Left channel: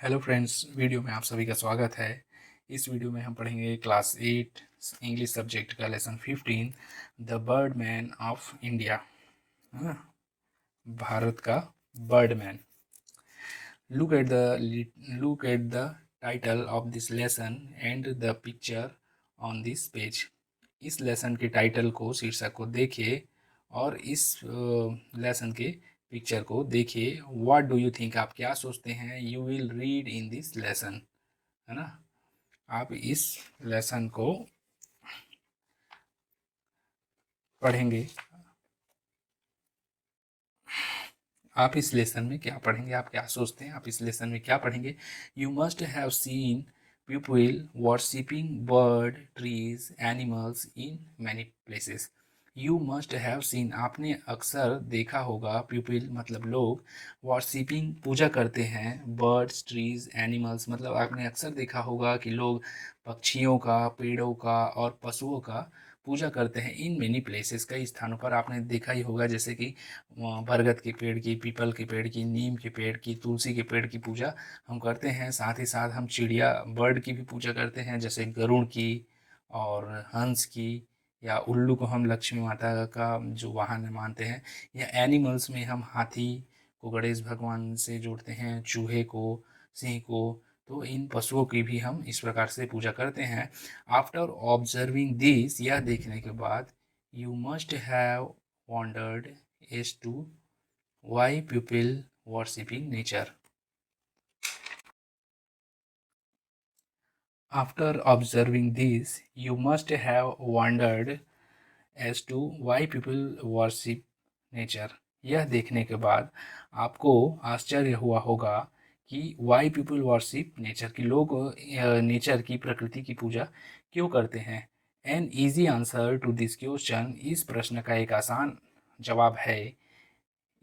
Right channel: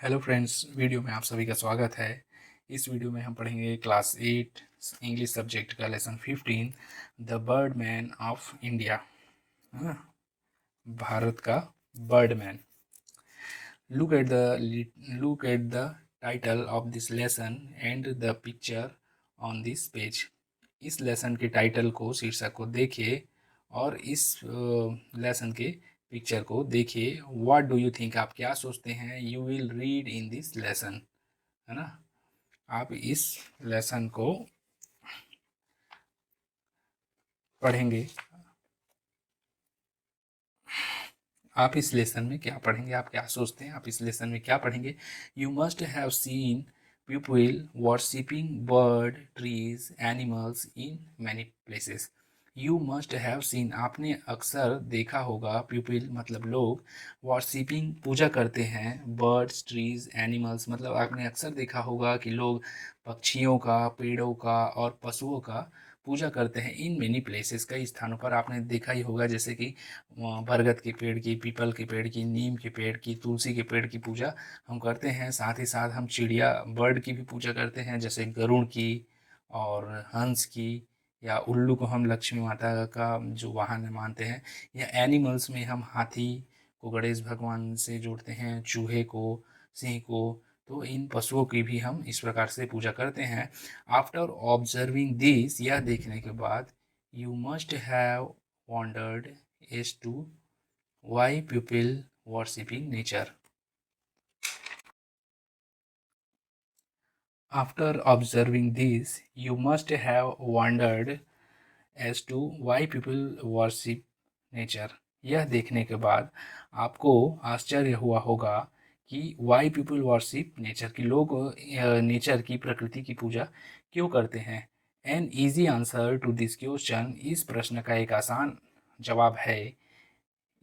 Hello friends, video में आप सभी का स्वागत है। इस वीडियो में हम पढ़ेंगे क्लास 8 इंग्लिश सब्जेक्ट का lesson 15 the bird man of India, है ना। भारत का bird man. Look at the title of this lesson and the picture on this page. इस लेसन के टाइटल को, शीर्षक को देखिए और इस लेसन के पिक्चर को देखिए। व्हाट डू यू थिंक, आप क्या सोचते हैं? You will read in this lesson, है ना। आप इस लेसन को पढ़ेंगे। आप इस लेसन में क्या पढ़ेंगे? आप क्या सोचते हैं आप इस लेसन में क्या पढ़ेंगे? You must have seen people worshipping bird, trees, animals in many places. You must have seen, आपने अक्सर देखा होगा, पीपल मतलब लोग, वर्शिपिंग पूजा करते हैं, बर्ड्स, ट्रीज, एनिमल्स मतलब आपने अक्सर देखा होगा कि लोग पक्षियों का, पेड़ों का और पशुओं का पूजा करते हैं। इन मेनी प्लेसेस, कई स्थानों पर आपने देखा ही होगा, जैसे कि बरगद के पेड़ की, पीपल के पेड़ की, नीम के पेड़ की, तुलसी के पेड़ की पूजा हम करते हैं। साथ ही साथ हम चिड़िया, बर्ड की भी पूजा करते हैं, जैसे गरुड़ की और हंस की, या उल्लू को हम लक्ष्मी माता का जो वाहन मानते हैं। या एनिमल्स में हम हाथी को गणेश भगवान से जोड़ते हैं, चूहे को, सिंह को। तो इन पशुओं की भी हम इस प्रकार से पूजा करते हैं। आफ्टर ऑब्जर्विंग दिस, यह देखने के बाद, you must have wondered as to why people worshipping nature. After observing this, you must have wondered as to why people worship nature. यह देखने के बाद आपको आश्चर्य हुआ होगा कि why people worship nature, कि लोग नेचर की, प्रकृति की पूजा क्यों करते हैं। An easy answer to this question, इस प्रश्न का एक आसान जवाब है,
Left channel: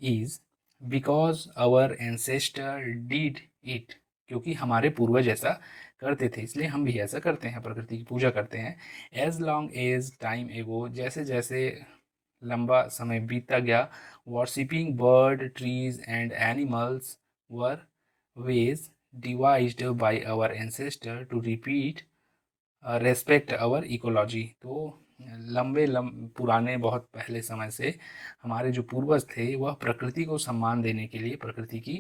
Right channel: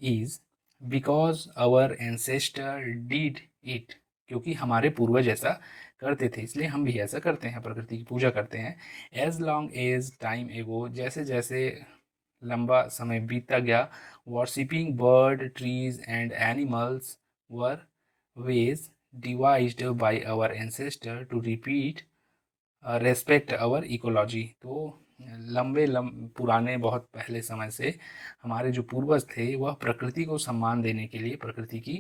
is because our ancestor did it, क्योंकि हमारे पूर्वज ऐसा करते थे, इसलिए हम भी ऐसा करते हैं, प्रकृति की पूजा करते हैं। एज लॉन्ग एज टाइम एगो, जैसे जैसे लंबा समय बीतता गया, worshipping bird, trees and animals were ways devised by our ancestor to repeat respect our ecology. तो पुराने, बहुत पहले समय से हमारे जो पूर्वज थे वह प्रकृति को सम्मान देने के लिए प्रकृति की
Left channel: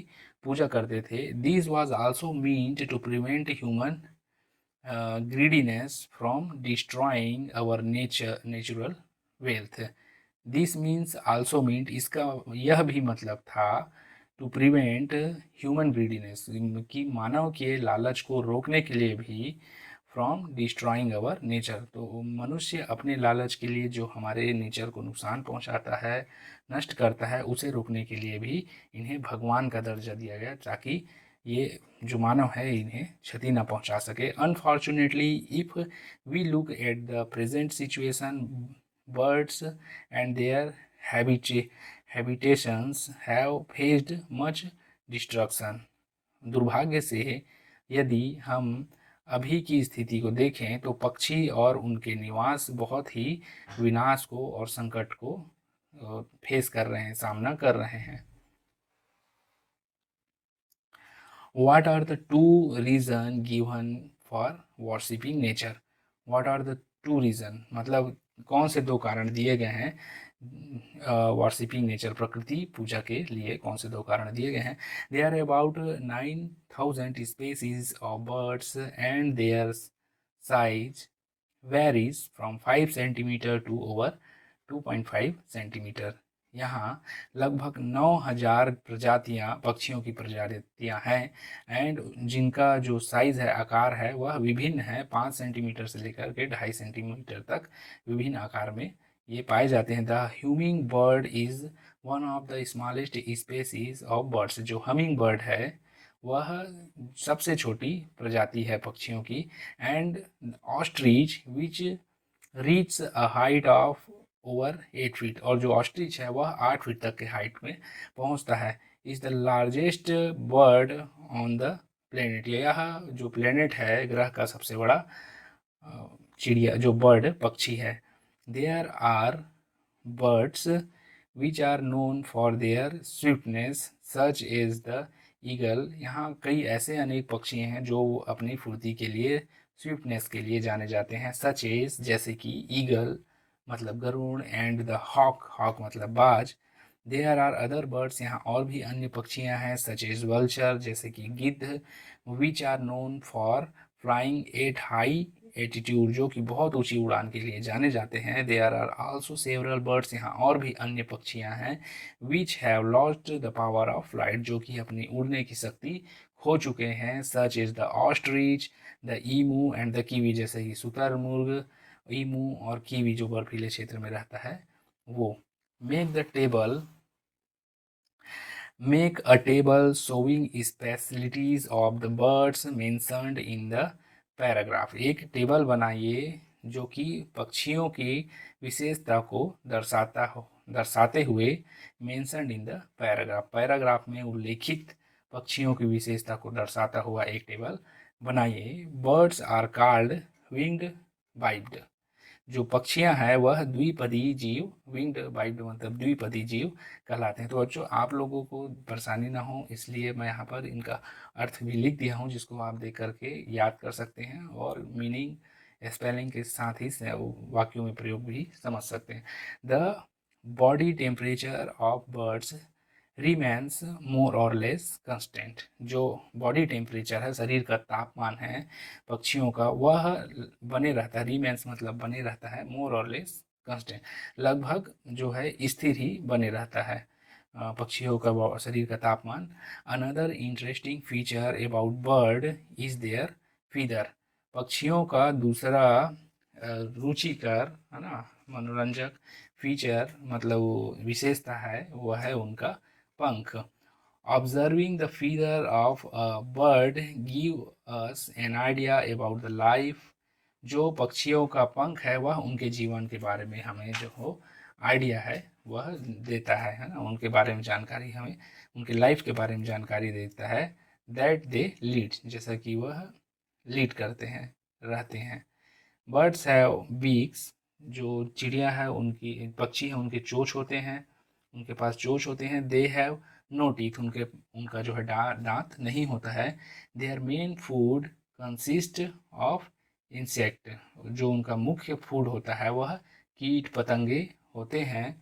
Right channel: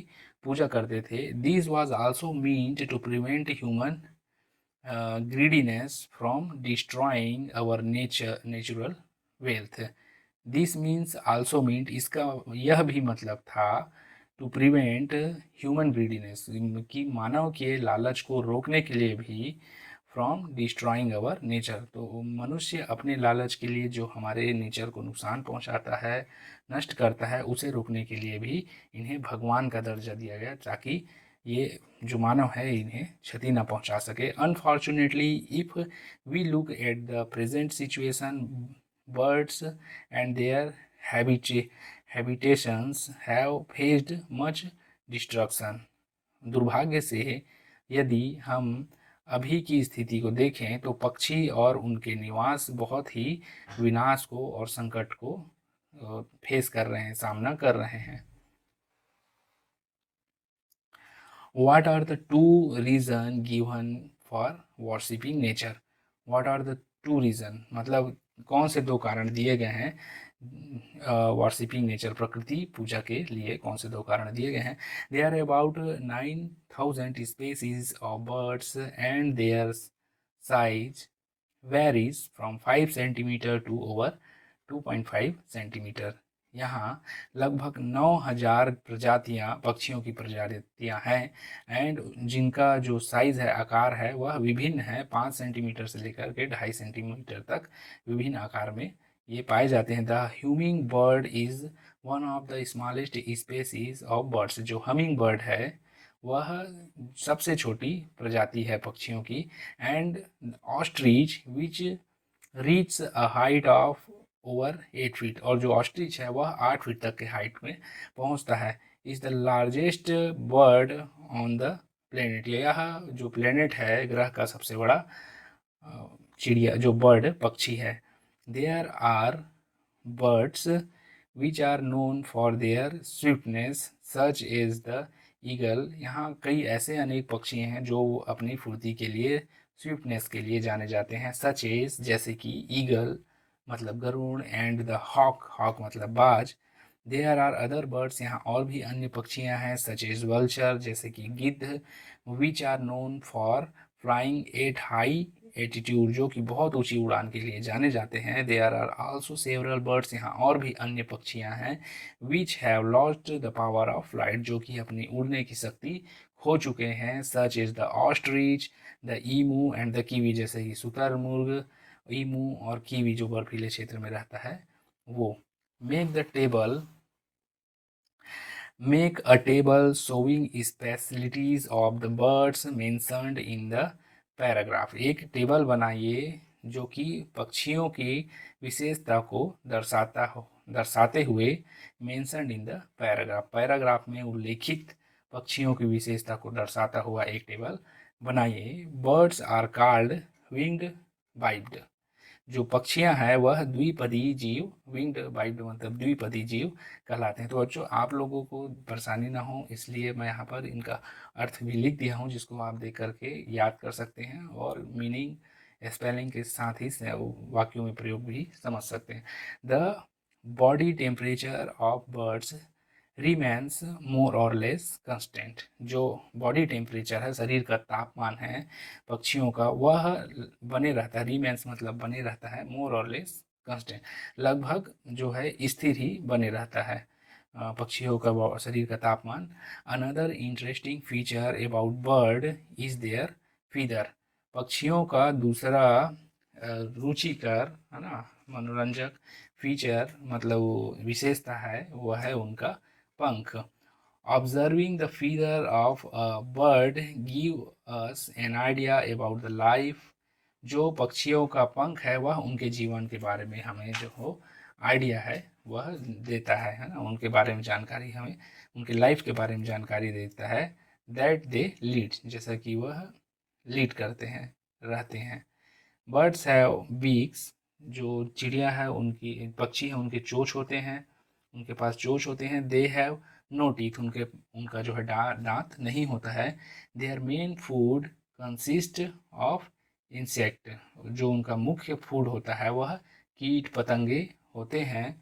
पूजा करते थे। This was also meant to prevent human greediness from destroying our natural wealth. This means also meant, इसका यह भी मतलब था टू प्रिवेंट ह्यूमन ग्रीडीनेस, कि मानव के लालच को रोकने के लिए भी, फ्रॉम डिस्ट्रॉइंग अवर नेचर, तो मनुष्य अपने लालच के लिए जो हमारे नेचर को नुकसान पहुंचाता है, नष्ट करता है, उसे रोकने के लिए भी इन्हें भगवान का दर्जा दिया गया, ताकि ये जो मानव है इन्हें क्षति न पहुंचा सके। Unfortunately, if we look at the present situation, birds and their habitations have faced much destruction. दुर्भाग्य से, यदि हम अभी की स्थिति को देखें तो पक्षी और उनके निवास बहुत ही विनाश को और संकट को फेस कर रहे हैं, सामना कर रहे हैं। What are the two reasons given for worshipping nature? What are the two reasons, मतलब कौन से दो कारण दिए गए हैं वर्शिपिंग नेचर, प्रकृति पूजा के लिए कौन से दो कारण दिए गए हैं? There are about 9,000 species of birds and their size varies from 5 centimeter to over 2.5 centimeter. यहाँ लगभग 9,000 प्रजातियाँ, पक्षियों की प्रजातियाँ हैं, एंड जिनका जो साइज है, आकार है, वह विभिन्न है। 5 सेंटीमीटर से लेकर के 2.5 सेंटीमीटर तक विभिन्न आकार में ये पाए जाते हैं। The humming bird is one of the smallest species of birds, जो हमिंग बर्ड है वह सबसे छोटी प्रजाति है पक्षियों की। And ostrich which reach a height of over 8 feet, और जो ऑस्ट्रिच है वह 8 फीट तक के हाइट में पहुंचता है। Is the largest bird on the planet, यह जो प्लेनेट है, ग्रह का सबसे बड़ा चिड़िया, जो बर्ड, पक्षी है। There are birds which are known for their swiftness, such as the eagle, यहाँ कई ऐसे अनेक पक्षी हैं जो अपनी फुर्ती के लिए, स्विफ्टनेस के लिए जाने जाते हैं, सच एज जैसे कि ईगल मतलब गरुड़ एंड द हॉक, हॉक मतलब बाज। देयर आर अदर बर्ड्स, यहाँ और भी अन्य पक्षियाँ हैं, सच एज वल्चर जैसे कि गिद्ध, which are known for flying at high attitude, जो कि बहुत ऊंची उड़ान के लिए जाने जाते हैं। There are also several birds, यहाँ और भी अन्य पक्षियाँ हैं, which have lost the power of flight, जो कि अपनी उड़ने की शक्ति खो चुके हैं, such is the ostrich, the emu and the kiwi, जैसे कि शुतुरमुर्ग, ईमू और कीवी जो बर्फीले क्षेत्र में रहता है वो। Make the table, make a table showing specialities of the birds mentioned in the paragraph, एक टेबल बनाइए जो कि पक्षियों की विशेषता को दर्शाते हुए mentioned in the paragraph, paragraph में उल्लेखित पक्षियों की विशेषता को दर्शाता हुआ एक टेबल बनाइए। Birds are called winged bite, जो पक्षियां हैं वह द्विपदी जीव, विंग्ड बाइट मतलब द्विपदी जीव कहलाते हैं। तो बच्चों आप लोगों को परेशानी ना हो इसलिए मैं यहाँ पर इनका अर्थ भी लिख दिया हूँ, जिसको आप देख करके याद कर सकते हैं और मीनिंग स्पेलिंग के साथ ही वाक्यों में प्रयोग भी समझ सकते हैं। The body temperature of birds remains more और लेस कांस्टेंट, जो बॉडी टेम्परेचर है, शरीर का तापमान है पक्षियों का, वह बने रहता है, रिमेन्स मतलब बने रहता है, मोर और लेस कांस्टेंट लगभग जो है स्थिर ही बने रहता है पक्षियों का शरीर का तापमान। Another interesting feature about bird is their feather, पक्षियों का दूसरा रुचिकर है ना मनोरंजक फीचर मतलब विशेषता है वह है उनका पंख। Observing the feather of a bird give us an idea about the life, जो पक्षियों का पंख है वह उनके जीवन के बारे में हमें जो हो आइडिया है वह देता है ना, उनके बारे में जानकारी हमें उनके लाइफ के बारे में जानकारी देता है। दैट दे लीड, जैसा कि वह लीड करते हैं, रहते हैं। बर्ड्स हैव बीक्स, जो चिड़िया है उनकी पक्षी हैं उनके चोंच होते हैं, उनके पास चोंच होते हैं। दे हैव नो टीथ, उनका जो है दांत नहीं होता है। Their main food consist of insect, जो उनका मुख्य फूड होता है वह कीट पतंगे होते हैं।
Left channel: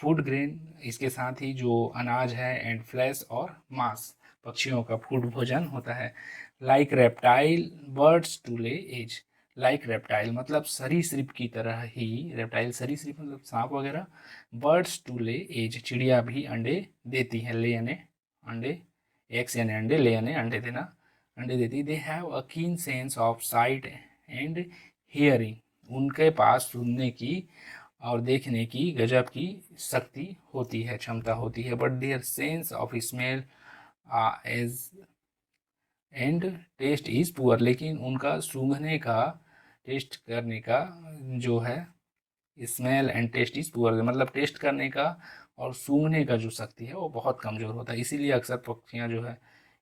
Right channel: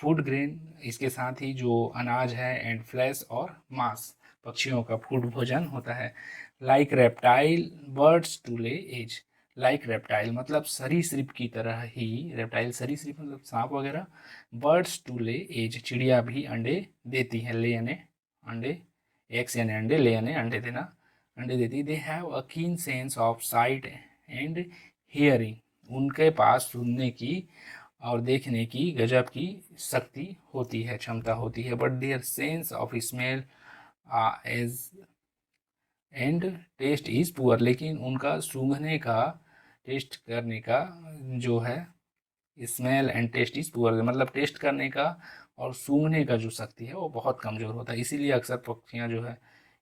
फूड ग्रेन, इसके साथ ही जो अनाज है, एंड फ्लैश और मांस पक्षियों का फूड भोजन होता है। लाइक रेप्टाइल बर्ड्स टू ले एज, लाइक रेप्टाइल मतलब सरीसृप की तरह ही, रेप्टाइल सरीसृप मतलब सांप वगैरह, बर्ड्स टू ले एज चिड़िया भी अंडे देती है, ले यानी अंडे, एग्स यानी अंडे, ले यानी अंडे देना, अंडे देती। दे हैव अ कीन sense of site and hearing, उनके पास सुनने की और देखने की गजब की शक्ति होती है, क्षमता होती है। But their sense of smell as and taste is poor, लेकिन उनका सूंघने का, टेस्ट करने का जो है smell and taste is poor, मतलब टेस्ट करने का और सूंघने का जो शक्ति है वो बहुत कमज़ोर होता है। इसीलिए अक्सर पक्षियाँ जो है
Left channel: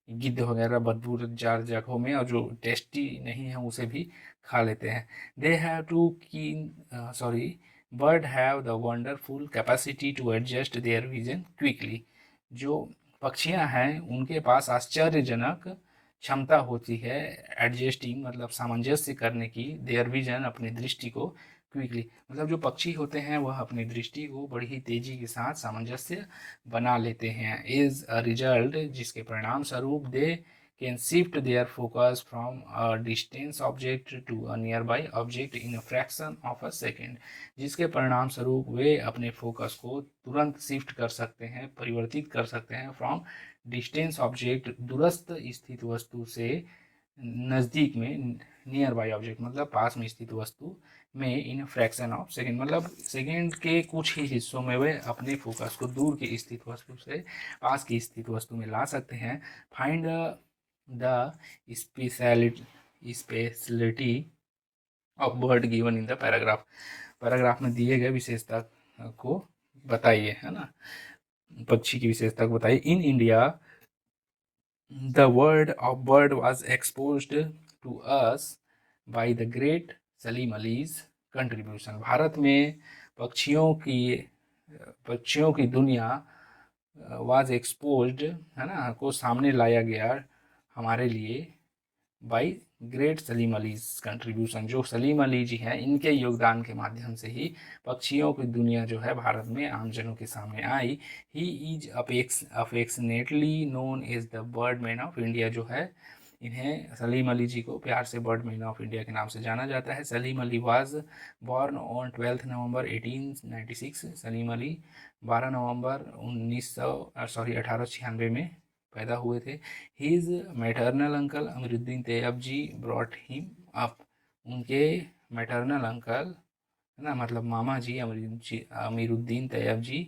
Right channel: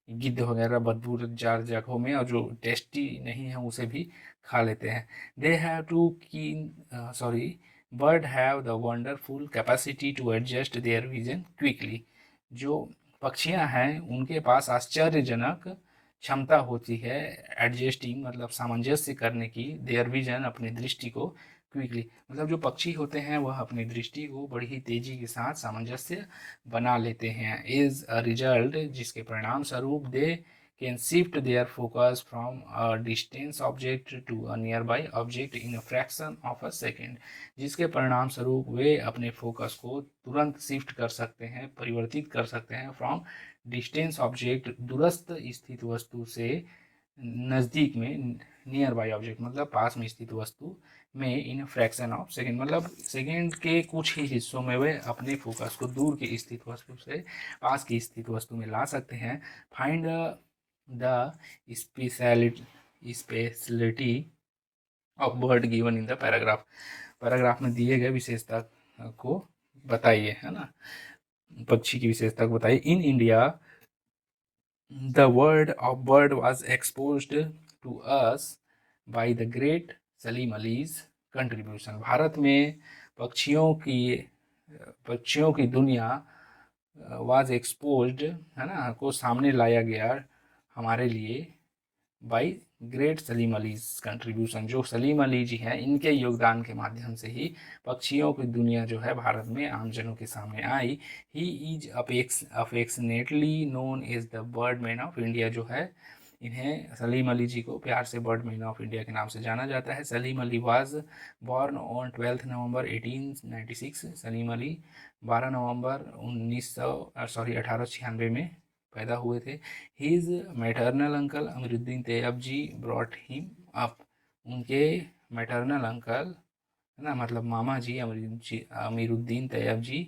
गिद्ध वगैरह बदबूदार जगहों में और जो टेस्टी नहीं है उसे भी खा लेते हैं। They have two keen sorry bird have the wonderful capacity to adjust their vision quickly, जो पक्षियाँ हैं उनके पास आश्चर्यजनक क्षमता होती है एडजस्टिंग मतलब सामंजस्य करने की, देयर विजन अपनी दृष्टि को, क्विकली मतलब जो पक्षी होते हैं वह अपनी दृष्टि को बड़ी ही तेजी के साथ सामंजस्य बना लेते हैं। इज अ रिजल्ट, जिसके परिणाम स्वरूप they can shift their focus from a distance object to a nearby object in a fraction of a second, जिसके परिणाम स्वरूप वे अपने फोकस को तुरंत शिफ्ट कर सकते हैं, परिवर्तित कर सकते हैं फ्रॉम डिस्टेंस ऑब्जेक्ट दूरस्थ स्थित वस्तु से नज़दीक में, नियर बाई ऑब्जेक्ट मतलब पास में स्थित वस्तु में, इन फ्रैक्शन ऑफ सेकेंड मतलब सेकेंड के कुछ ही हिस्सों में वे अपने फोकस को दूर की स्थित वस्तु से पास की स्थित वस्तु में ला सकते हैं। Find the speciality of bird given in the paragraph, paragraph में दिए गए विशेषता को बताइए, है ना, पक्षी की विशेषता को बताइए। In India the word of bird was exposed to us by the great Salim Ali's contribution, Bharat में पक्षियों की दुनिया वाज एक्सपोज्ड, है ना, को सामने लाया गया हमारे लिए by great Salim Ali contribution. जो सलीम अली जी हैं, इनके योगदान के माध्यम से ही पक्षियों की दुनिया जो है भारत में आमजनों के सामने आई। He is affectionately known as the bird man of India. जो है, इन्हें सलीम अली जी को प्यार से बर्ड मैन ऑफ इंडिया के नाम से जाना जाता है। Salim Ali was born on 12 नवंबर 1896। सलीम अली 12 नवंबर 1896 में पैदा हुए थे। His maternal uncle Amiruddin Tyabji brought him up। उनके मैटरनल अंकल, है ना, मतलब मामा जी अमीरुद्दीन तैयब जी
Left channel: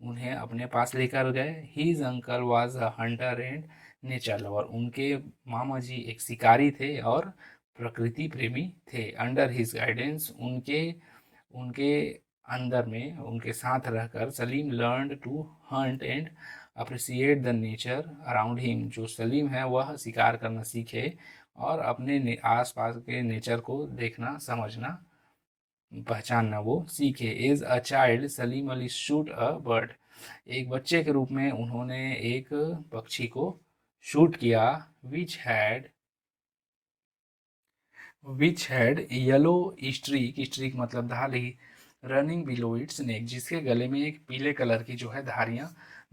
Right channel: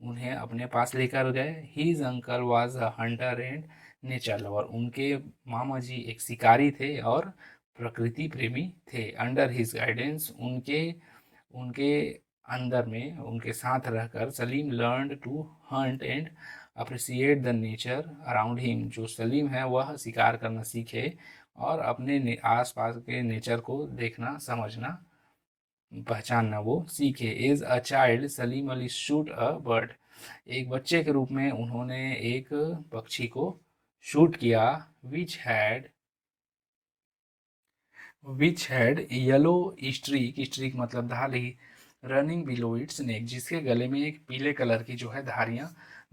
उन्हें अपने पास लेकर गए। His uncle was a hunter and nature lover। उनके मामा जी एक शिकारी थे और प्रकृति प्रेमी थे। Under his guidance, उनके उनके अंदर में, उनके साथ रहकर Salim learned to hunt and appreciate the nature around him। जो सलीम है वह शिकार करना सीखे और अपने आसपास के नेचर को देखना, समझना, पहचानना वो सीखे। As a child Salim Ali shoot a bird. एक बच्चे के रूप में उन्होंने एक पक्षी को शूट किया। Which had which had yellow streak, streak मतलब धारी, रनिंग बिलो इट्स नेक, जिसके गले में एक पीले कलर की जो है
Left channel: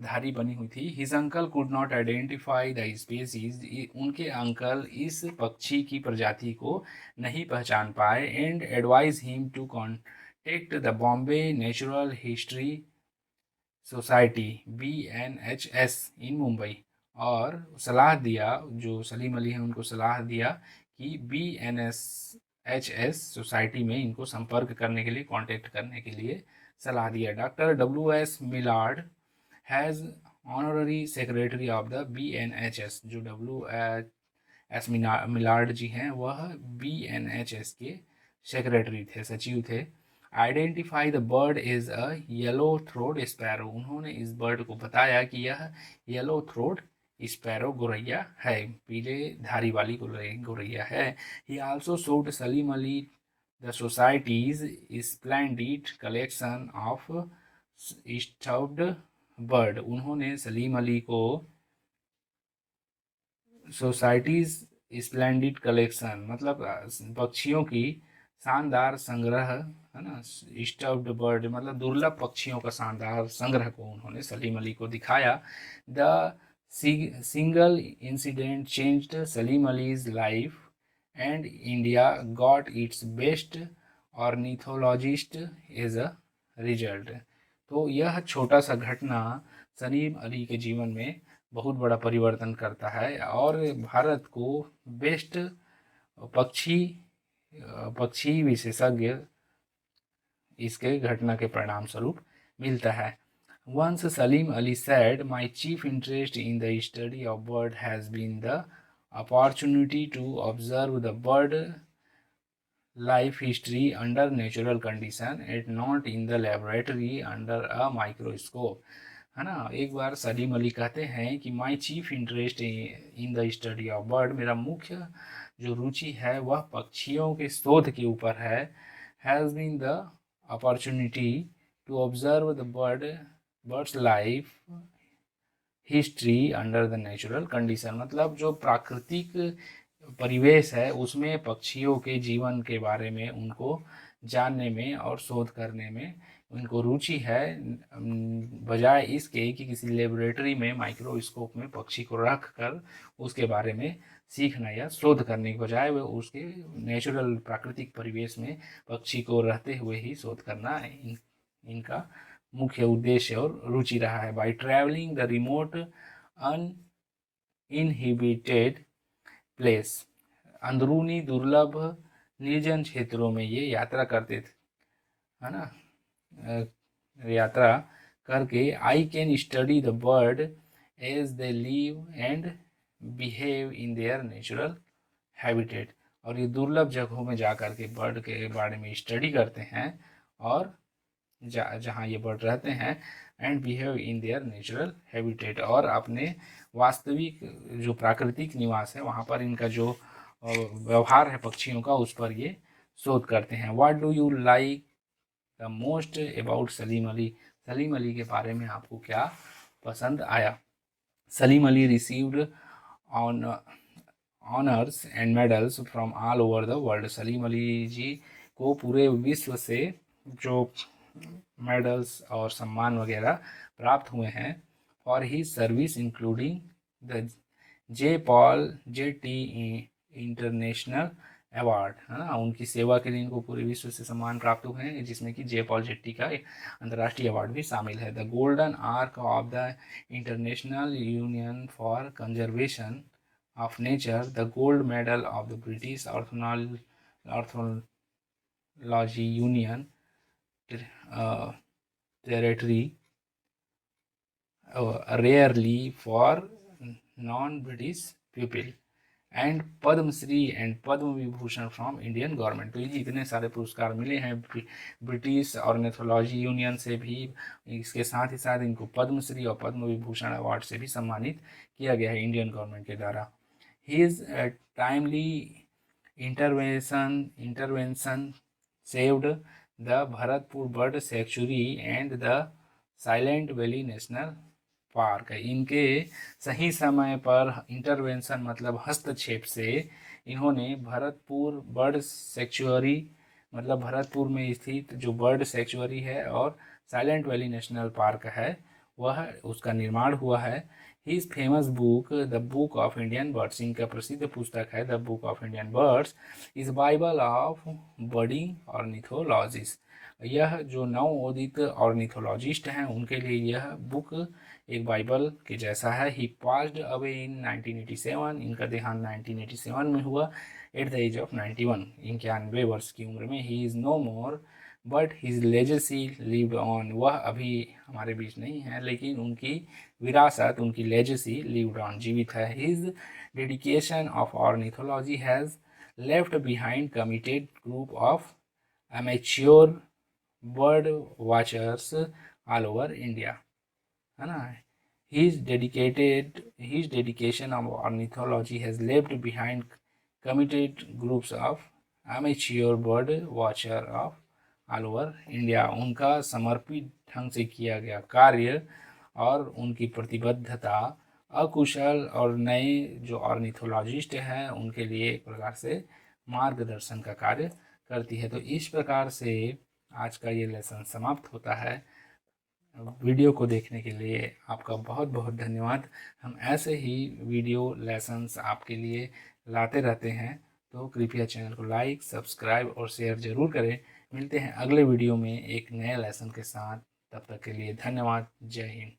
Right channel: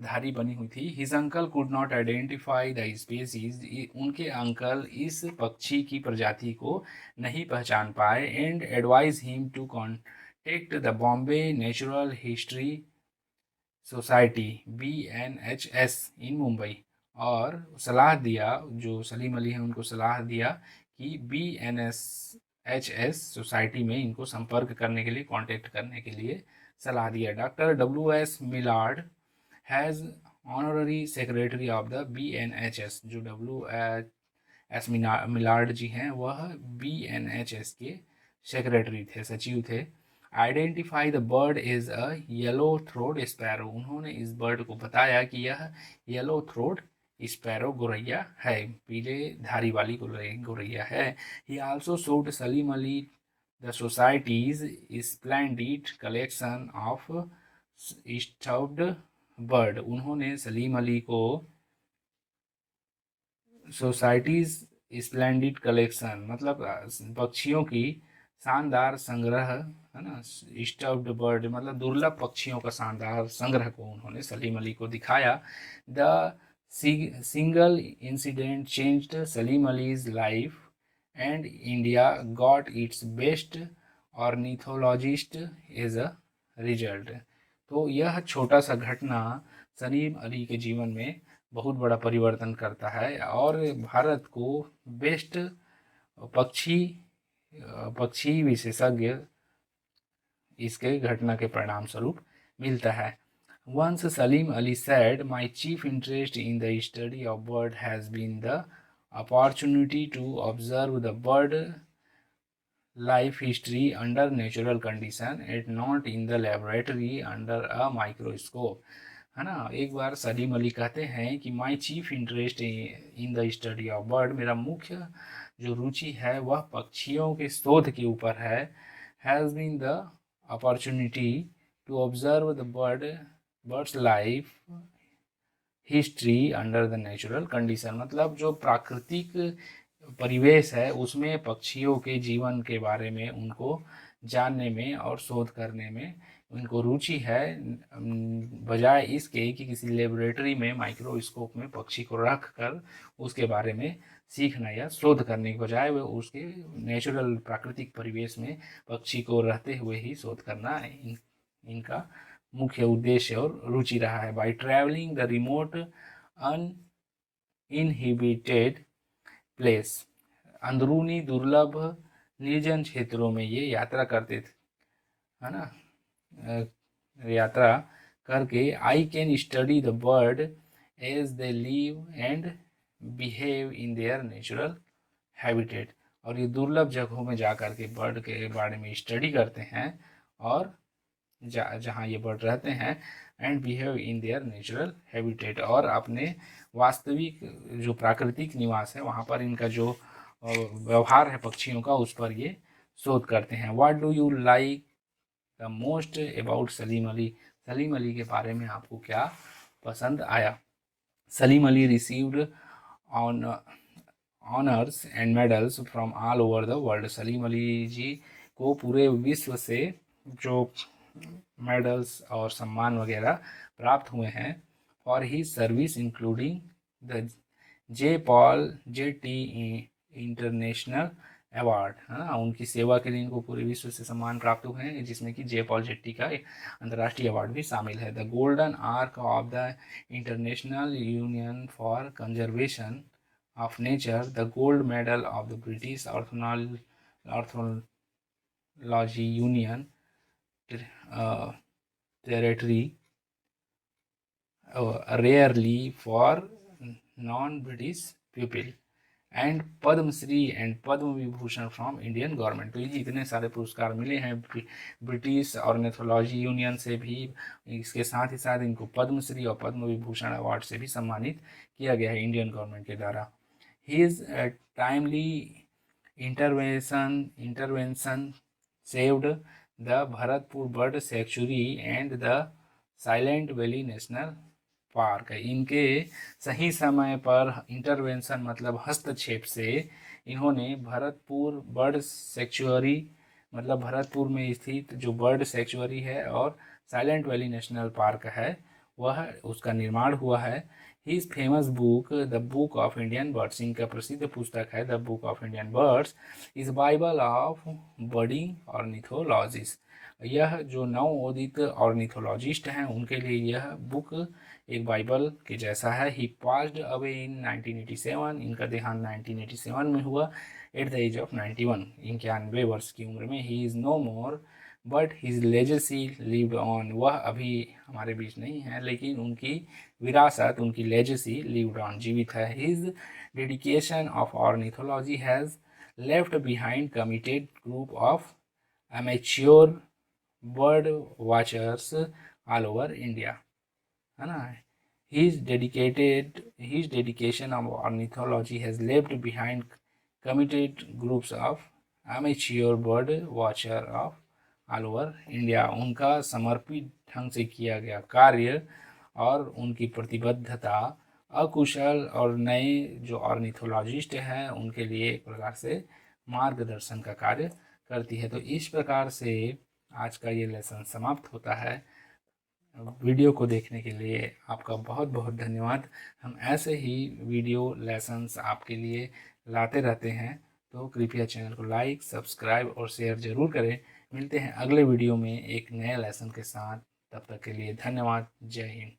धारी बनी हुई थी। His uncle could not identify the species. उनके अंकल इस पक्षी की प्रजाति को नहीं पहचान पाए। And advise him to contact the Bombay natural history society BNHS in Mumbai. और सलाह दिया, जो सलीम अली है उनको सलाह दिया कि BNHS सोसाइटी में इनको संपर्क करने के लिए, कांटेक्ट करने के लिए सलाह दिया। Doctor WS Maillard has honorary secretary of the BNHS। जो WS मिलार्ड जी हैं वह BNHS के सेक्रेटरी थे, सचिव थे। Identify the bird is a yellow throat sparrow. उन्होंने इस बर्ड को बताया कि यह येलो थ्रोट स्पैरो गोरैया है, पीले धारी वाली गोरैया है। ही also showed Salim Ali the societies splendid collection of stuffed bird. उन्होंने सलीम अली को सोसाइटीज स्प्लेंडिड कलेक्शन मतलब पक्षियों की शानदार संग्रह, है ना, स्टफ्ड बर्ड मतलब दुर्लभ पक्षियों का शानदार संग्रह को उन्होंने सलीम अली को दिखाया। The single incident changed Salim Ali's life and India got its best ornithologist as a result. तो यह छोटा सा घटना सलीम अली के जीवन में बहुत बड़ा परिवर्तन करता है और भारत को बेस्ट पक्षी पक्षी विशेषज्ञ इसके घटना के परिणाम स्वरूप मिलता है। Once Salim Ali said, "My chief interest in the study of bird has been the opportunity to observe the bird life history under natural condition and not in the laboratory under a microscope।" है ना, एक बार सलीम अली कहते हैं कि my chief interest in the study of bird, मेरा मुख्य जो रुचि है वह पक्षियों के शोध के ऊपर है। Has been the opportunity to observe the birds life history under the natural condition. मतलब जो प्राकृतिक परिवेश है उसमें पक्षियों के जीवन के बारे में उनको जानने में और शोध करने में उनको रुचि है, बजाय इसके कि किसी लेबोरेटरी में माइक्रोस्कोप में पक्षी को रख कर उसके बारे में सीखना या शोध करने के बजाय वे उसके नेचुरल प्राकृतिक परिवेश में पक्षी को रहते हुए ही शोध करना इनका मुख्य उद्देश्य और रुचि रहा है। By travelling the remote uninhibited place, अंदरूनी दुर्लभ निर्जन क्षेत्रों में ये यात्रा करते थे, है ना, यात्रा करके I can study the bird as they live and behave in their natural habitat. और ये दुर्लभ जगहों में जा कर के बर्ड के बारे में स्टडी करते हैं और जहाँ ये बर्ड रहते हैं, and behave in their natural habitat, और अपने वास्तविक जो प्राकृतिक निवास है वहाँ पर इनका जो व्यवहार है पक्षियों का उस पर ये शोध करते हैं। What do you like the most about Salim Ali? Salim Ali के बारे में आपको क्या पसंद आया। Salim Ali received on honours and medals from all over the world. Salim Ali ji को पूरे विश्व से जो मेडल्स और सम्मान वगैरह प्राप्त हुए हैं। और ही service including the J T international award, है ना, उनकी सेवा के लिए इनको पूरे विश्व से सम्मान प्राप्त हुए हैं, जिसमें कि जे पॉल जेट्टी का अंतर्राष्ट्रीय अवार्ड भी शामिल है। The golden ark of the international union for conservation of nature, the gold medal of the British orthology union territory rarely for non-British people, and Padmashri and Padma Vibhushan from Indian government. तो ये जितने सारे पुरस्कार मिले हैं ब्रिटिश ऑर्निथोलॉजी यूनियन से भी, इसके साथ ही साथ इनको पद्मश्री और पद्म विभूषण अवार्ड से भी सम्मानित किया गया है इंडियन गवर्नमेंट के द्वारा। His timely intervention saved the Bharatpur bird sanctuary and the silent valley national park. इनके सही समय पर इंटरवेंशन मतलब हस्तक्षेप से इन्होंने भरतपुर बर्ड सेंचुरी मतलब भरतपुर में स्थित जो बर्ड सेंचुरी है और साइलेंट वैली नेशनल पार्क है वह उसका निर्माण हुआ है। His famous book, The Book of Indian Birds, इनका प्रसिद्ध पुस्तक है The Book of Indian Birds, is Bible of Budding Ornithologists। यह जो नवोदित ऑर्निथोलॉजिस्ट हैं उनके लिए यह बुक एक बाइबल के जैसा है। ही पास्ड अवे इन 1987, इनका देहांत 1987 में हुआ एट द एज ऑफ 91, 91 वर्ष की उम्र में। He is no more but his legacy lived on, वह अभी हमारे बीच नहीं है लेकिन उनकी विरासत, उनकी लेजेसी लिव्ड ऑन, जीवित है। His dedication of ornithology has left behind committed group of amateur bird watchers all over India, है ना। His dedication of ornithology has left behind committed groups of amateur bird watcher of all over India. उनका समर्पित ढंग से किया गया कार्य और उनकी प्रतिबद्धता अकुशल और नए जो ऑर्निथोलॉजिस्ट हैं उनके लिए एक प्रकार से मार्गदर्शन का कार्य करती है। तो इस प्रकार से आज का ये लेसन समाप्त होता है। वीडियो को देखने के लिए आपका बहुत बहुत धन्यवाद। हम ऐसे ही वीडियो लेसन्स आपके लिए लाते रहते हैं, तो कृपया चैनल को लाइक, सब्सक्राइब और शेयर ज़रूर करें। मिलते हैं अगले वीडियो में एक नए लेसन के साथ। तब तक के लिए धन्यवाद। जय हिंद।